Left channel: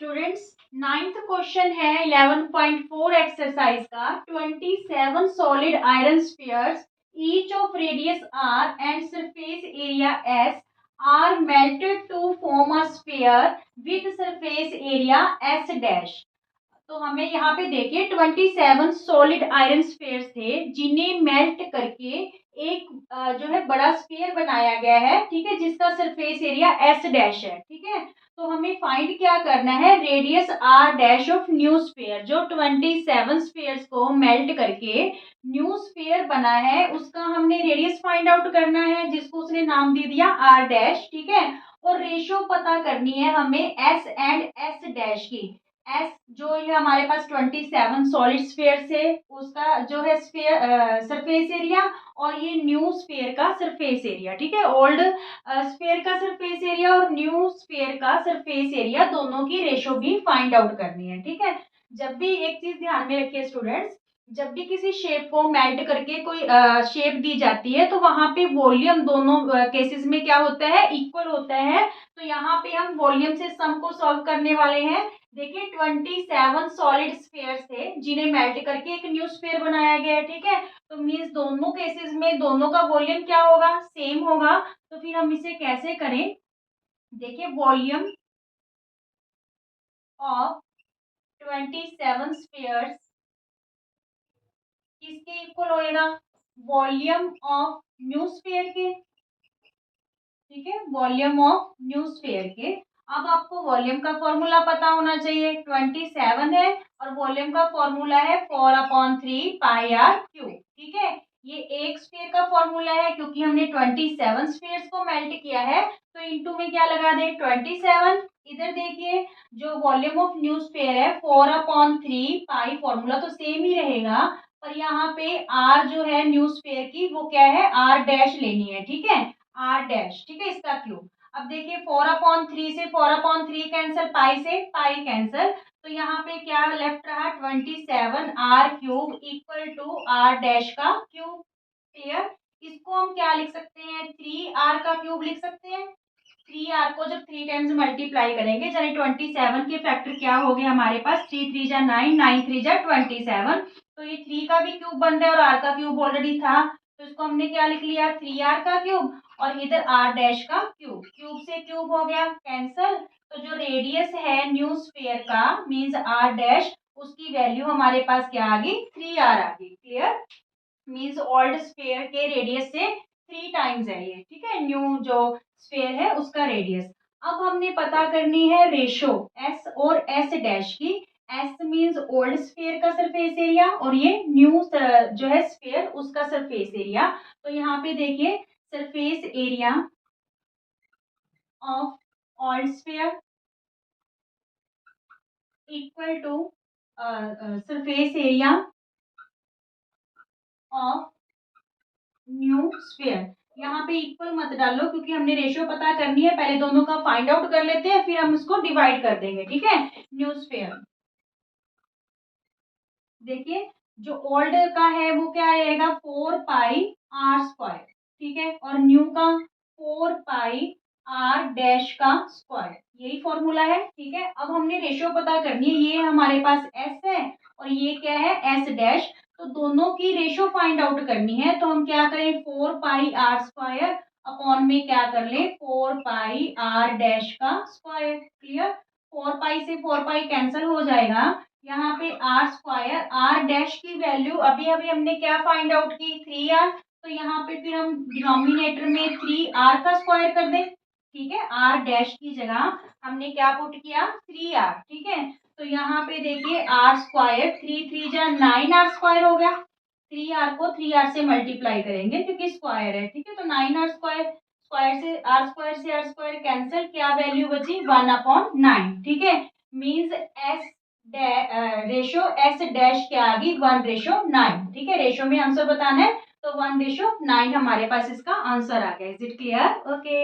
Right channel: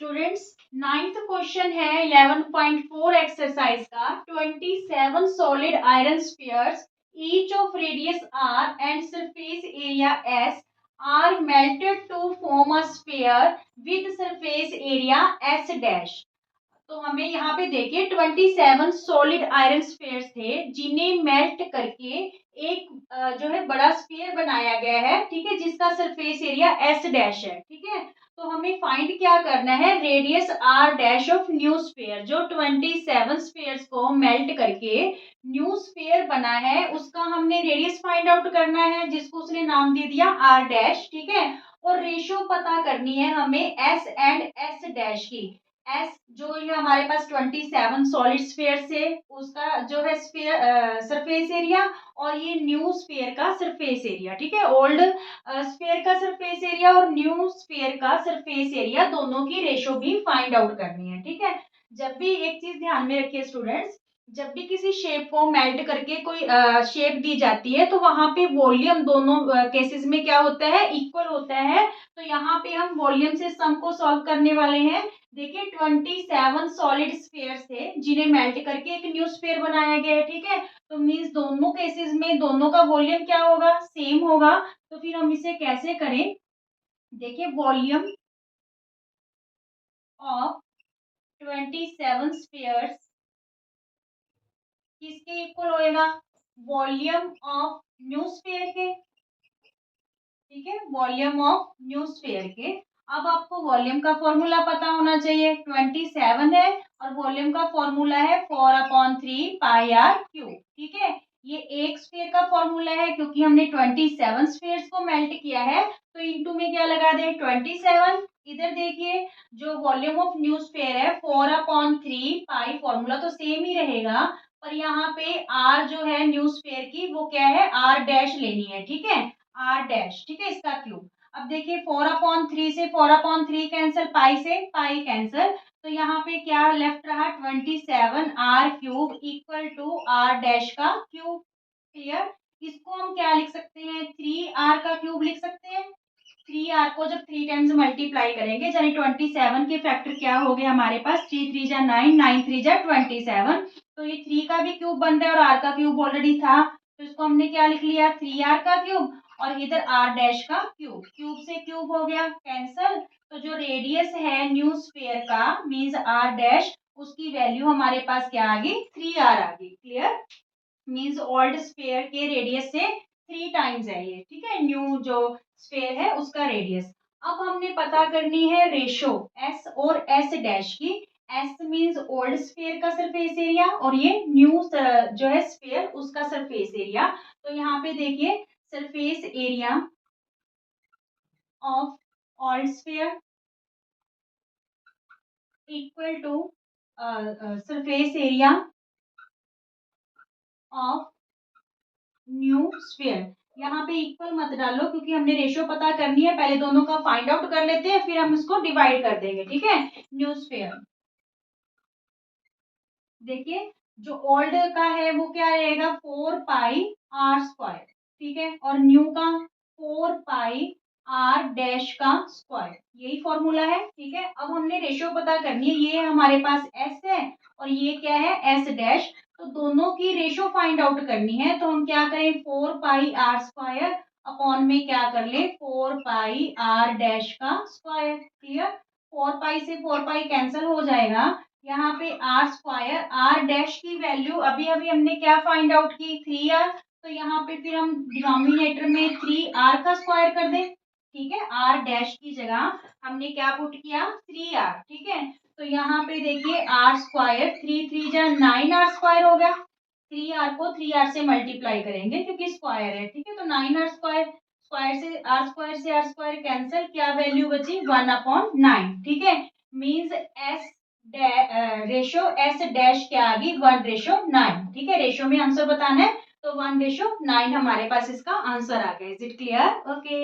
Students, ninth question है 11.4 exercise का। 27 solid iron spheres each of radius R and surface area S are melted to form a sphere with surface area S dash. तो हमें यहाँ पे देखिए 27 solid iron spheres थे जिन्हें melt करके एक जो है बड़ा स्फीयर बनाया गया है, ठीक है, जिसका सरफेस एरिया एस डैश है। ठीक है, तो हमें फाइंड क्या करना है, radius R dash of new sphere. जो 27 स्फीयर्स को मेल्ट करके न्यू स्फीयर बना है उसका हमने रेडियस फाइंड आउट करना है, जिसको उसने नाम दे दिया आर डैश। ठीक है, और रेशियो पता करनी है हमें एस एंड एस डैश की। एस जो ये हमारे पास 27 सॉलिड स्फीयर से उसका जो है स्फीयर सरफेस एरिया, और ये न्यू स्फीयर का सरफेस एरिया। ठीक है, ओल्ड स्फीयर का सरफेस एरिया और न्यू स्फीयर का सरफेस एरिया दोनों की रेशो भी फाइंड आउट करनी है। ठीक है, जब भी एक चीज ध्यान में रखिए स्टूडेंट्स, जब भी किसी शेप को मेल्ट करके कोई शेप दी जाती है तो वहां पे वॉल्यूम दोनों केसेस में क्या होता है, इक्वल होता है। तो यहाँ पे हम वॉल्यूम से सम को सॉल्व करने वाले हैं। देखिए 27 सॉलिड स्फीयर्स थे जिन्हें मेल्ट करके एक न्यू स्फीयर बनाया गया है। ठीक है, तो मीन्स दोनों केसेस में दोनों का वॉल्यूम क्या होगा, सेम होगा। तो फिर हम इसे कैसे करें, देखिए वॉल्यूम ऑफ 27 स्फीयर्स किसके इक्वल होएगा, वॉल्यूम ऑफ न्यू स्फीयर के। ठीक है, वॉल्यूम ऑफ न्यू स्फीयर के। अब आपको वॉल्यूम का फॉर्मूला पता होना चाहिए, 27 है और वॉल्यूम का फॉर्मूला है 4/3 पाई आर क्यूब। ठीक है, ये एक स्फीयर का फॉर्मूला है क्योंकि हमने 27 स्फीयर्स को मेल्ट किया है, तो इनटू में क्या लगा दें 27। इधर देखिए जो वॉल्यूम ऑफ न्यू स्फीयर है 4/3 पाई, फॉर्मूला तो सेम ही रहेगा, पर यहाँ पे आर जो है न्यू स्फीयर की वो क्या है, आर डैश लेनी है। ठीक है, आर डैश। ठीक है, इसका क्यूब। अब देखिए 4/3 से 4/3 कैंसिल, पाई से पाई कैंसिल, तो यहाँ पे क्या लेफ्ट रहा, 27 R cube equal to R dash का क्यूब। क्लियर, इसको हम क्या लिख सकते हैं, 3r का क्यूब लिख सकते हैं। 3r को जब 3 टाइम्स मल्टीप्लाई करेंगे, यानी 27 के फैक्टर क्या हो गए हमारे पास, 3 3 जा 9, 9 3 जा 27। तो ये 3 का भी क्यूब बन रहा है और r का क्यूब ऑलरेडी था, तो इसको हमने क्या लिख लिया, 3r का क्यूब, और इधर r डैश का क्यूब। क्यूब से क्यूब हो गया कैंसल, तो जो रेडियस है न्यू स्फीयर का मींस r डैश, उसकी वैल्यू हमारे पास क्या आ गई, 3r आ गई। क्लियर, मींस ओल्ड स्फीयर के रेडियस से 3 टाइम्स है ये। ठीक है, न्यू जो स्फीयर है उसका रेडियस। अब हमने पता करनी है रेशो एस और एस डैश की। एस मींस ओल्ड स्फीयर का सरफेस एरिया और ये न्यू जो है स्फीयर उसका सरफेस एरिया। तो यहाँ पे देखिए surface area of old sphere equal to surface area of new sphere. यहाँ पे इक्वल मत डालो क्योंकि हमने रेशियो पता करनी है, पहले दोनों का फाइंड आउट कर लेते हैं फिर हम इसको डिवाइड कर देंगे। ठीक है, न्यू स्फीयर देखिए जो ओल्ड का है वो क्या रहेगा, 4 पाई r स्क्वायर। ठीक है, और न्यू का 4 पाई r डैश का स्क्वायर, यही फॉर्मूला है। ठीक है, अब हमने रेशियो पता करनी है, ये हमारे पास s है और ये क्या है s डैश, तो दोनों की रेशियो फाइंड आउट करनी है। तो हम क्या करें, 4 पाई r स्क्वायर अपॉन में क्या कर ले, 4 पाई r डैश का स्क्वायर। क्लियर, 4 पाई से 4 पाई कैंसिल हो जाएगा, यहाँ पे आर स्क्वायर, आर डैश की वैल्यू अभी अभी हमने क्या फाइंड आउट की, 3r, तो यहाँ पे फिर हम डिनोमिनेटर में 3r का स्क्वायर कर दें। ठीक है, आर डैश की जगह हमने क्या पुट किया, 3r। ठीक है, तो यहाँ पे देखिए आर स्क्वायर, 3 3 जा 9r स्क्वायर हो गया, 3r को 3r से मल्टीप्लाई करेंगे क्योंकि स्क्वायर है। ठीक है, तो 9r स्क्वायर, स्क्वायर से आर स्क्वायर कैंसिल, क्या वैल्यू बची, 1/9। ठीक है, means S ratio S dash क्या आ गई, 1/9। ठीक है, रेशो में आंसर बताना है तो 1/9 हमारे पास इसका आंसर आ गया। Is it clear, okay.